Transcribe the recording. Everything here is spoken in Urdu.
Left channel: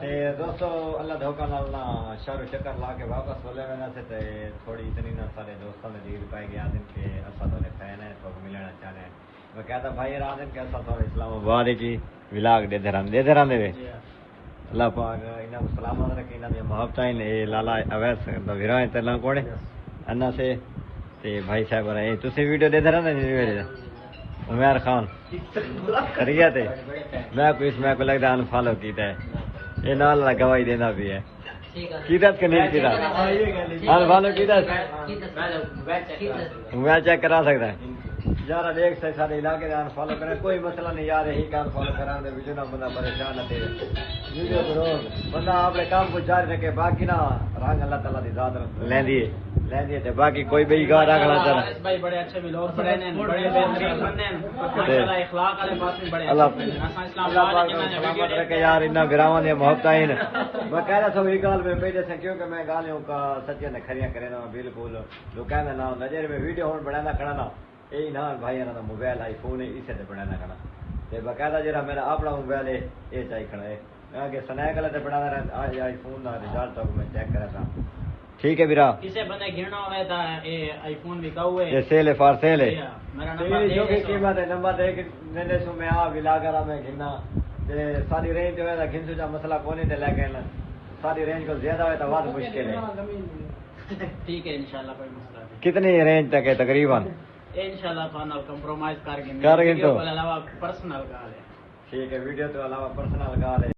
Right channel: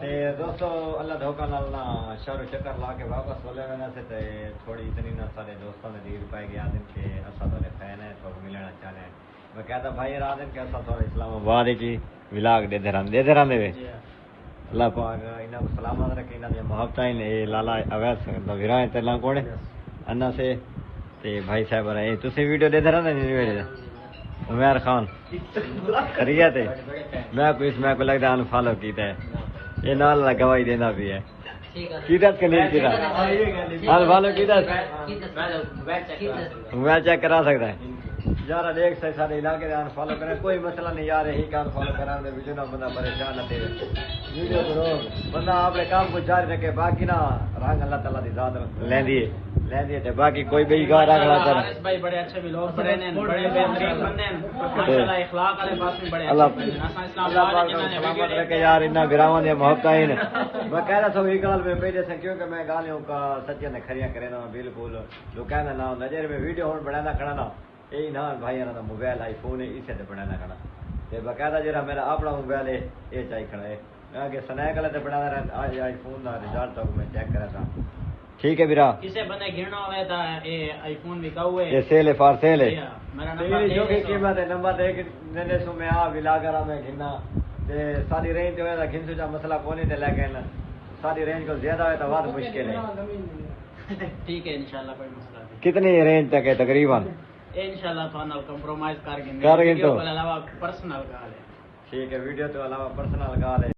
دوستو اللہ دھوکا نالنا شہر چکر لا کے واپس بولے ہوئے سے تے تھوڑی اتنی نہ سارے دوستوں نے دیر پائے گیا دن کے اصل تھوڑے فین ہیں تو ملنا چاہ رہے ہیں میں کہتا بھائی رات دن کے اصل تھوڑے اسلام آباد کی ولاگ دے دے رہے اللہ پاک انہاں کو سلامت رکھے انہاں دی محبت ہیں لالا اویس ویراں تے لا کونے انا سے تے بھائی صاحب رہے تسی ویڈیو دے دے رہے عمیر خان خیریت ہے میں کو لگتا ہے فالو کیتا ہے یہ نال گواہی دینا بھی ہے کیتا کہ نہیں کیتا فالو کیتا موبائل چیک کرا سکتا ہے یار دیکھ سے سارے علاقے دے فالو کرے کوئی مسئلہ نہیں یار یہی کام فالو کرانے دے وچ نہ بندہ پریشان نہ دے ویڈیو کرو بندہ اپنے کام کو جاری رکھے باقی نہ رنگ اللہ تعالی دی ذات لیندی ہے تے باقی کوئی بھی گار اللہ تعالی بھائی بڑے اچھے ویلوگ بڑے نے بڑے بہترین بندے ہیں ماشاءاللہ اخلاق والے پاس میں بڑے اچھے ہیں اسلام آباد کے میں ویڈیو کہ یار انہاں براواں دی محبت ہیں میں کہہ رہا تھا یہ گل میں پہلے سے کیونکہ میں گالیوں کا سچے نے کھریاں کرے نا بالکل تو کہنا نہ نظر میں ویڈیو ہن بنانا کھڑا نا یہی نا بھائی انہاں دا موبائل آئی فون ہے اسے تے بنانا کھڑا تے باقاعدہ جڑا میرا اپنا موبائل ہے یہ چاہیے کھڑا ہے میں آگے سنیک والے تے بنانا رہا آئی فون دا رزلٹ تک میں چیک کرا تھا ٹھیک ہے بیرا کسے بندے گھننا ہوئے تھا یہ آئی فون بھی کہو ہے یہ سیل ہے فار سیل ہے میرا نمبر جو بھی قیمت ہے نمبر دے کے میرے سو میں آ ولا کرا میں گھننا تے ساری رینج تے ویسا گھن سو مسئلہ کونے تے لے کے نا ساری رینج کو زیادہ ہے تو بہت مشکل ہے ٹھیک ہے انشاءاللہ کوئی مسئلہ نہیں کتنی رینج تک ہے تقریباً انشاءاللہ تو نال کمپرومائز کر کے کر کے تو علاوہ پرسنل کال ہے ٹھیک ہے ویڈیو تو علاوہ پرسنل کال ہے